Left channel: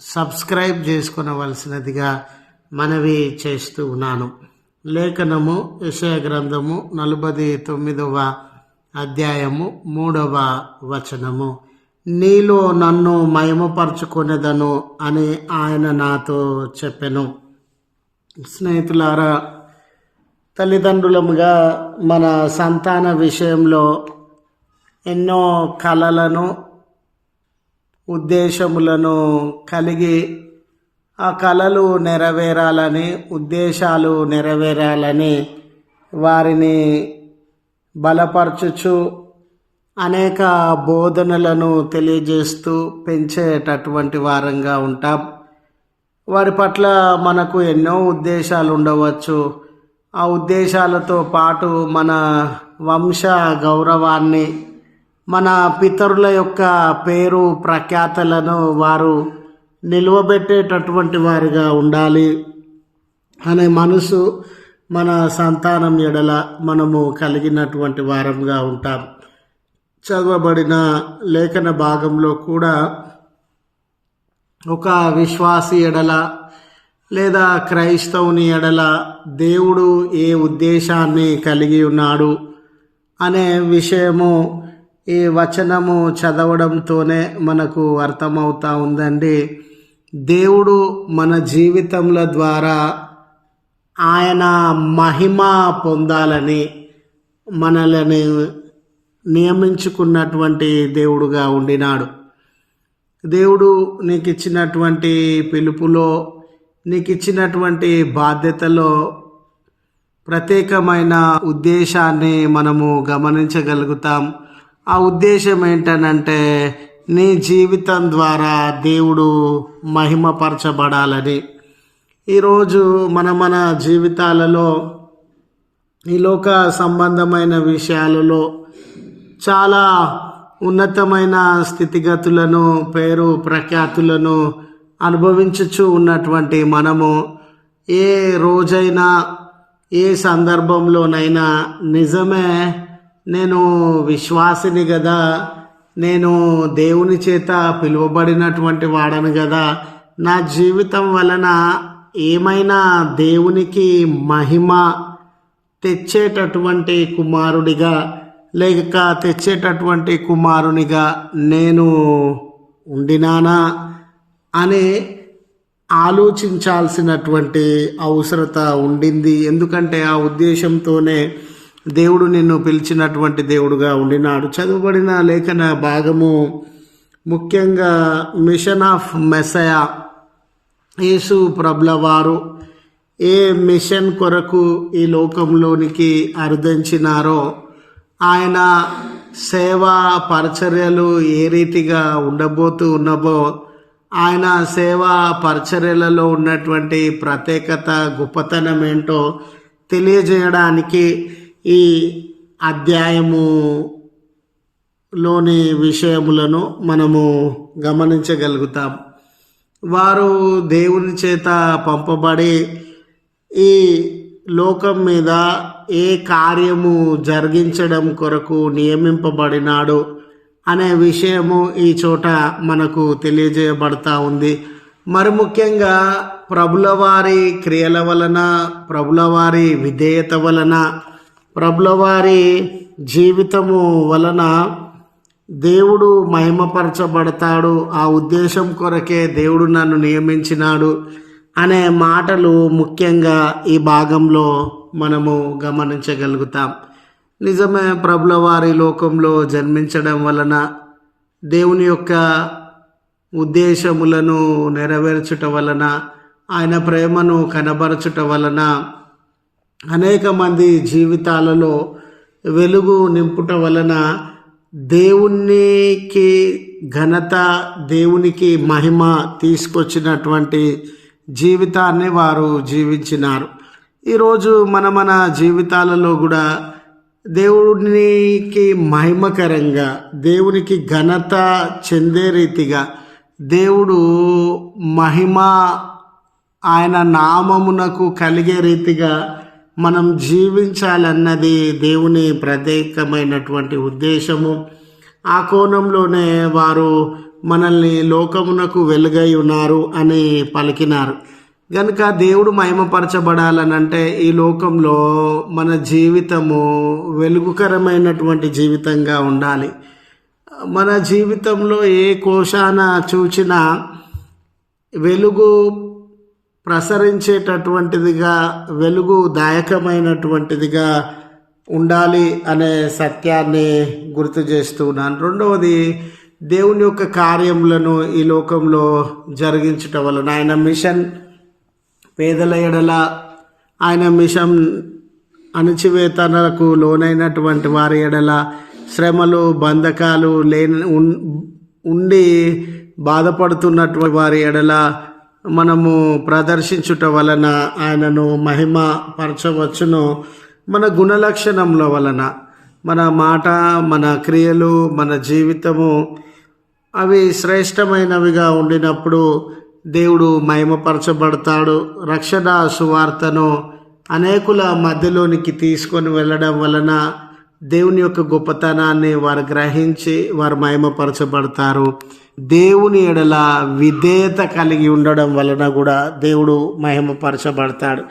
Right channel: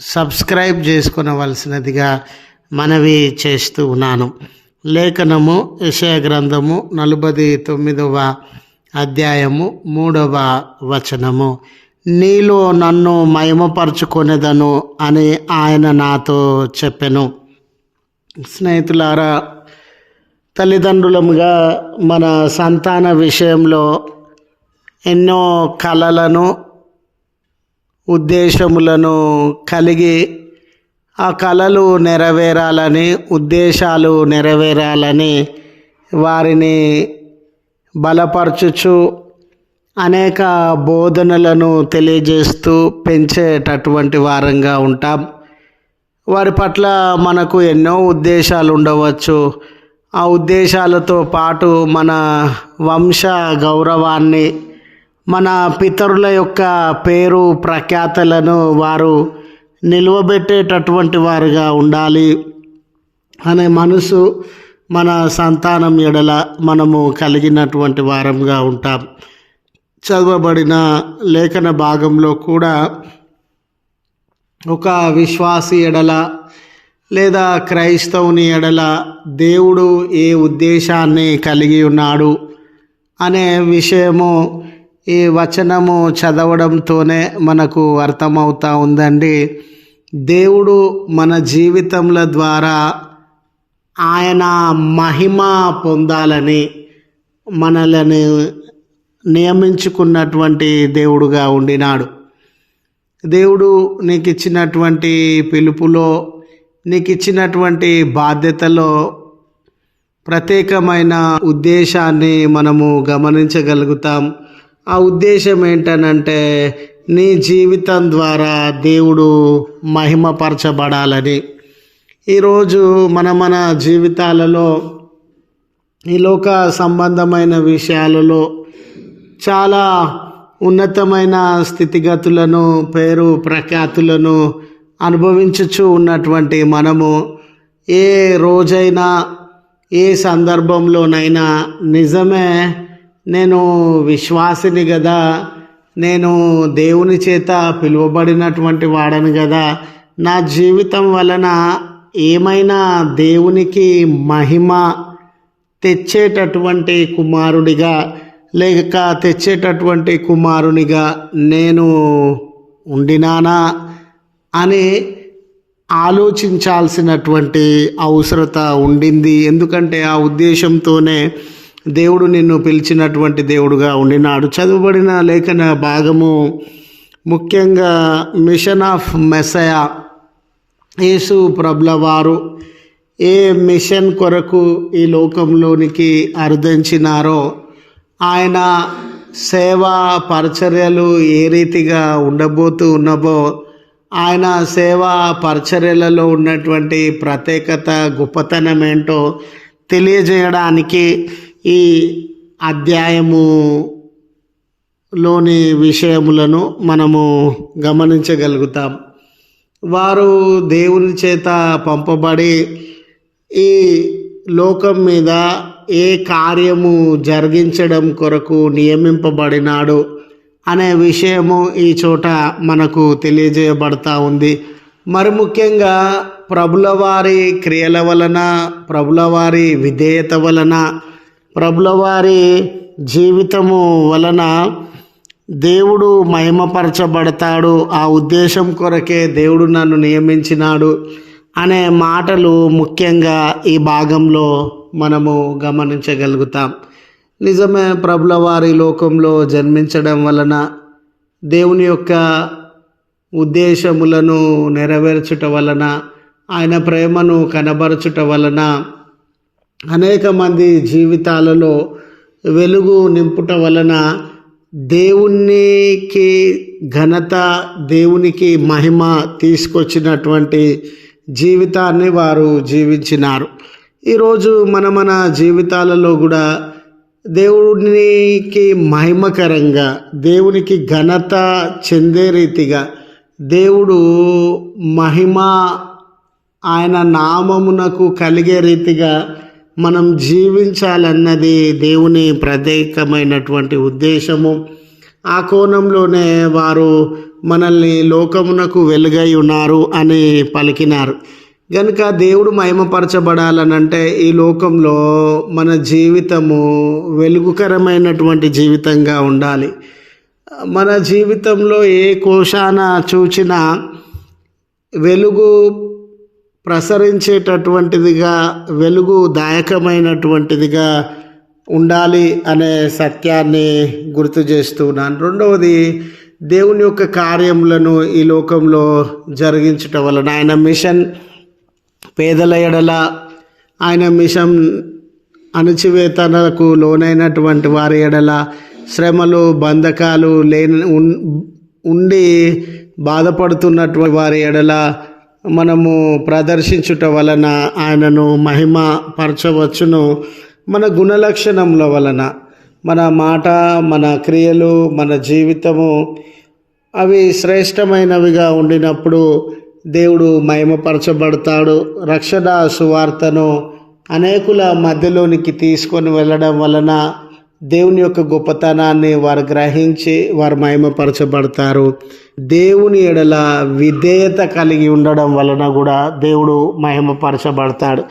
Subscribe చేసుకునవలసినదిగా మనవి చేస్తూ ఉన్నాను. లేఖనము యశయ గ్రంథము నలభై తొమ్మిదవ అధ్యాయము మూడవ వచనము. నీలో నన్ను మహిమపరచుకొనేదను అని ఆయన నాతో చెప్పెను. స్నేహితులారా తల్లిదండ్రులముగా మన సంతాన విషయంలో ఎన్నో కళలను ఉద్దేశములను కలిగి ఆ కళలు నెరవేరాలని ఉద్దేశాలు నెరవేరాలని వారిని బలపరచుచు అనేక బోధనలను తెలియజేస్తూ పెంచేటటువంటి వారంగా ఉంటాం. వారి పట్ల మనకు ఎన్నో ఉద్దేశాలు ఉండవచ్చు. ఆ ఉద్దేశాలతో పాటు మన వంశ గౌరవాన్ని మన పితరుల యొక్క పేరు ప్రఖ్యాతలను వారు నిలువబెట్టేటటువంటి వారుగా ఉండాలి అనే మనసు మన సంతానం ఎడల మనము కలిగినటువంటి వారంగా ఉంటాం. చదవబడిన లేఖన భాగంలో కూడా ఒక విశ్వాసి ఎడల లేదా క్రైస్తవుని ఎడల దేవుడు ఏ ఉద్దేశాన్ని కలిగి ఉన్నాడు అనే విషయము ఈ వచనము చదవడంతోనే మనకు అర్థమవుతా ఉందండి. దేవుడు మన జీవితంల ద్వారా ఆయన మహిమ పొందాలని మనల్ని నియమించుకున్నటువంటి దేవుడుగా ఉండినాడు. దేవుడు నీకు ఇచ్చినటువంటి పిలుపులో నీకు ఇచ్చినటువంటి బాధ్యతలో ప్రత్యేకమైన ఉద్దేశాన్ని మనము గమనించగలుగుతాం. ఆ ఉద్దేశం ఏంటనంటే నీ జీవితం ద్వారా దేవుడు మహిమపరచబడాలని. ఈరోజు మన మన జీవితాలలో ఈ లోక సంబంధమైన విషయాలలో చాలా ఉన్నతమైన స్థితిగతులను పేరు ప్రఖ్యాతులను అనుభవించుచు ఉన్నటువంటి మనము ఏ రోజైనా ఏ సందర్భంలోనైనా నిజమే నేను విశ్వాసిని కదా నేను దేవుని చేత పిలువబడినటువంటి వాడను కదా నా జీవితం వలన ఏమైనా దేవునికి మహిమ తెచ్చేటటువంటి కుమారుడిగా లేక తెచ్చేటటువంటి కుమారునిగా నేను ఉండినానా అని ఆలోచించాల్సినటువంటి అవసరత ఉండింది. ఎందుకంటే ఆ ఉద్దేశంతోనే దేవుడు నిన్ను పిలిచినటువంటి దేవుడుగా ఉండినాడు. చదువుబడిన లేఖన భాగము ముఖ్యంగా మిషన్ ఆఫ్ మెసయా యేసు ప్రభుల వారు ఏ మిషన్ కొరకు ఈ లోకంలోనికి అర్థించినారో ఆయన సేవా పరిచర్యలు ఏ రీతిగా ఉండబోతూ ఉన్నవో ఆయన సేవా పరిచర్యలలో ఉన్నటువంటి ప్రత్యేకత గొప్పతనం ఏంటో తెలియజేయడానికి ఈ అధ్యాయములోని విషయములను మనము గమనించగలుగుతాం. వారు దేవుని చేత పంపబడి ఈ లోకం మీద ఏ కార్యము జరిగించడం కొరకు నియమింపబడినాడు అనే విషయము ఈ చోట మనకు తెలియజేయబడతా ఉంది. మరి ముఖ్యంగా ప్రభుల వారి క్రియల వలన ప్రభుల వారి విధేయత వలన ప్రభులవారి జీవితము వలన దేవుడు మహిమపరచబడతాడు. ఆ ఉద్దేశం కొరకే దేవుడు నన్ను నియమించినాడు అనే మాటలు ముఖ్యంగా ఈ భాగంలో మనము గమనించగలుగుతాం. నిజమే ప్రభుల వారి లోకంలో జన్మించడం వలన దేవుని యొక్క ఉద్దేశములను నెరవేర్చుట వలన ఆయన ప్రేమను కనబరచుట వలన అనేక మంది జీవితాలలో వెలుగు నింపుట వలన దేవునికి ఘనత దేవునికి మహిమ తీసుకొచ్చినటువంటి జీవితాన్ని వారు జీవించినారు. ఈరోజు మన మన జీవితాలలో కూడా దేవునికి మహిమకరంగా దేవునికి ఘనత చెందే రీతిగా దేవుడు మహిమ ఆయన నామమునకు కలిగే రీతిగా మనం జీవించాలన్నది దేవుని ప్రత్యేకమైనటువంటి ఉద్దేశము. ఆ కోణంలోనే వారు మనల్ని లోకమునకు వెలుగై ఉన్నారు అని పలికినారు. కనుక దేవుడు మహిమపరచబడాలనంటే ఈ లోకంలో మన జీవితము వెలుగుకరమైనటువంటి జీవితంగా ఉండాలి. మన జీవితంలో ఏ కోశాన చూచినా వెలుగు ప్రసరించేటటువంటిదిగా వెలుగు దాయకమైనటువంటిదిగా ఉండాలి అనే సత్యాన్ని గుర్తు చేస్తున్నాను రెండవది దేవుని యొక్క కార్యములను ఈ లోకంలో జరిగించటం వలన ఆయన మిషన్ పేదల ఎడల ఆయన మిషన్ అణచివేతనకు లోనైనటువంటి వారి ఎడల శ్రమలు బంధకాలు లేని ఉండి బాధపడుతున్నటువంటి వారి ఎడల మనము ప్రదర్శించుట వలన ఆయనను మహిమ పరచవచ్చును. మన గుణలక్షణముల వలన మన మాట మన క్రియలు మన జీవితము అవి శ్రేష్టమైనవిగా ఉండినప్పుడు దేవుడు మహిమపరచబడతాడు. రక్షణ సువార్తను అనేకుల మధ్యలోనికి తీసుకొని వెళ్ళడం వలన దేవుని యొక్క గొప్పతనాన్ని వారు గ్రహించి వారు మహిమపరచబడతారు. దేవుని ఎడల విధేయత కలిగి ఉండడం వలన కూడా దేవుడు మహిమపరచబడతాడు.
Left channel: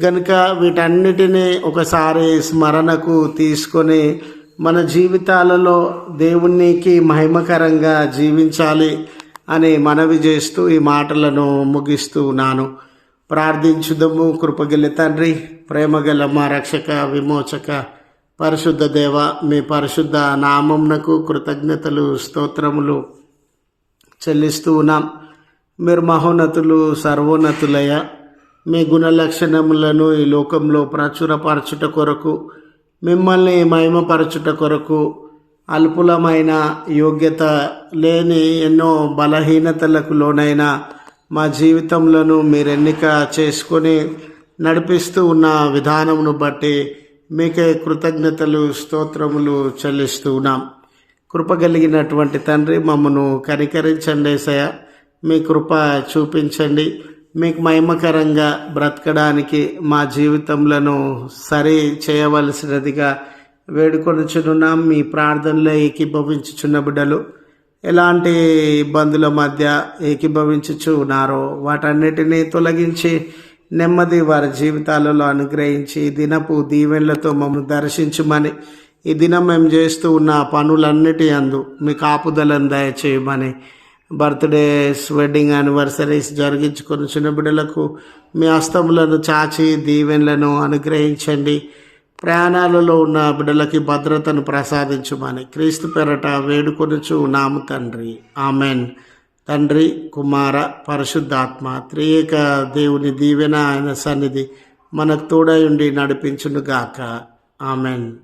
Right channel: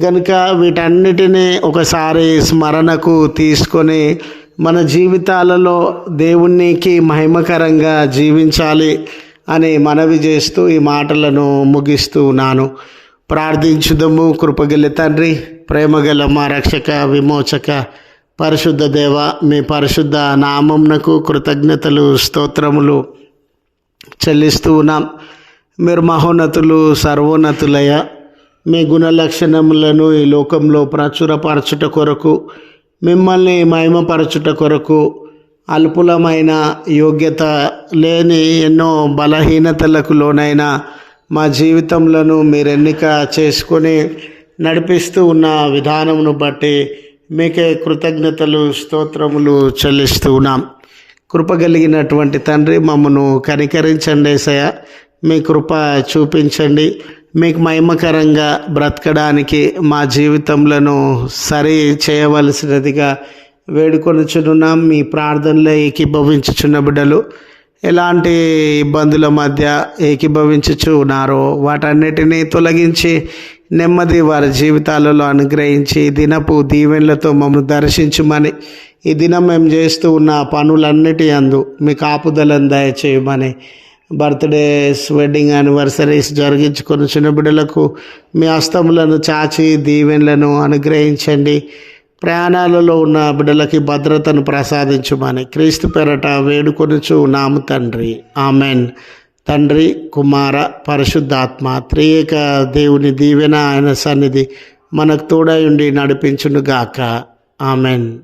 కనుక వీటన్నిటినీ ఒకసారి స్మరణకు తీసుకొని మన జీవితాలలో దేవునికి మహిమకరంగా జీవించాలి అని మనవి చేస్తూ ఈ మాటలను ముగిస్తూ ఉన్నాను. ప్రార్థించుదము కృపగల తండ్రి ప్రేమగల మా రక్షక విమోచక పరిశుద్ధ దేవ మీ పరిశుద్ధ నామంనకు కృతజ్ఞతలు స్తోత్రములు చెల్లిస్తూ ఉన్నాం. మీరు మహోన్నతులు సర్వోన్నతులయ మీ గుణ లక్షణములను ఈ లోకంలో ప్రచురపరచుట కొరకు మిమ్మల్ని మహిమపరచుట కొరకు అల్పులమైన యోగ్యత లేని ఎన్నో బలహీనతలకు లోనైన మా జీవితంలో మీరు ఎన్నిక చేసుకొని నడిపిస్తూ ఉన్న విధానమును బట్టి మీకే కృతజ్ఞతలు స్తోత్రములు చెల్లిస్తూ ఉన్నాం తండ్రి మమ్మను కనికరించండి సయ మీ కృప చూపించండి. మీకు మహిమకరంగా బ్రతకడానికి మా జీవితంలో సరి చేయవలసినదిగా వేడుకొనుచున్నాం. మీ ప్రార్థనలో ఏకీభవించుచున్న బిడ్డలు ఎలాంటి ఇబ్బందుల మధ్య ఏకీభవించుచు ఉన్నారో వాటన్నిటినీ తొలగించి నెమ్మది వారి జీవితాలలో అనుగ్రహించి దినపు దీవెనలతో మమ్మల్ని దర్శించమని. ఈ దినం మేము చేస్తూ ఉన్న పనులన్నిటి అందు మీ కాపుదలను దయచేయమని. బర్త్డేస్ వెడ్డింగ్ యానివర్సరీస్ జరిగించుకొని చిన్న బిడ్డలకు మీ హస్తములను చాచి దీవెనలను అనుగ్రహించండి. ప్రయాణాలలో ఉన్న బిడ్డలకి భద్రతను ప్రసాదించుమని. క్రీస్తు పెరట వేడుకొనుచు నాము తండ్రి. ఆమెన్. తండ్రి కుమార పరిశుద్ధాత్మ త్రియేక దేవుని దీవెన ఆయన సన్నిధి మనకు తోడై ఉండి నడిపించునుగాక. ఆమెన్.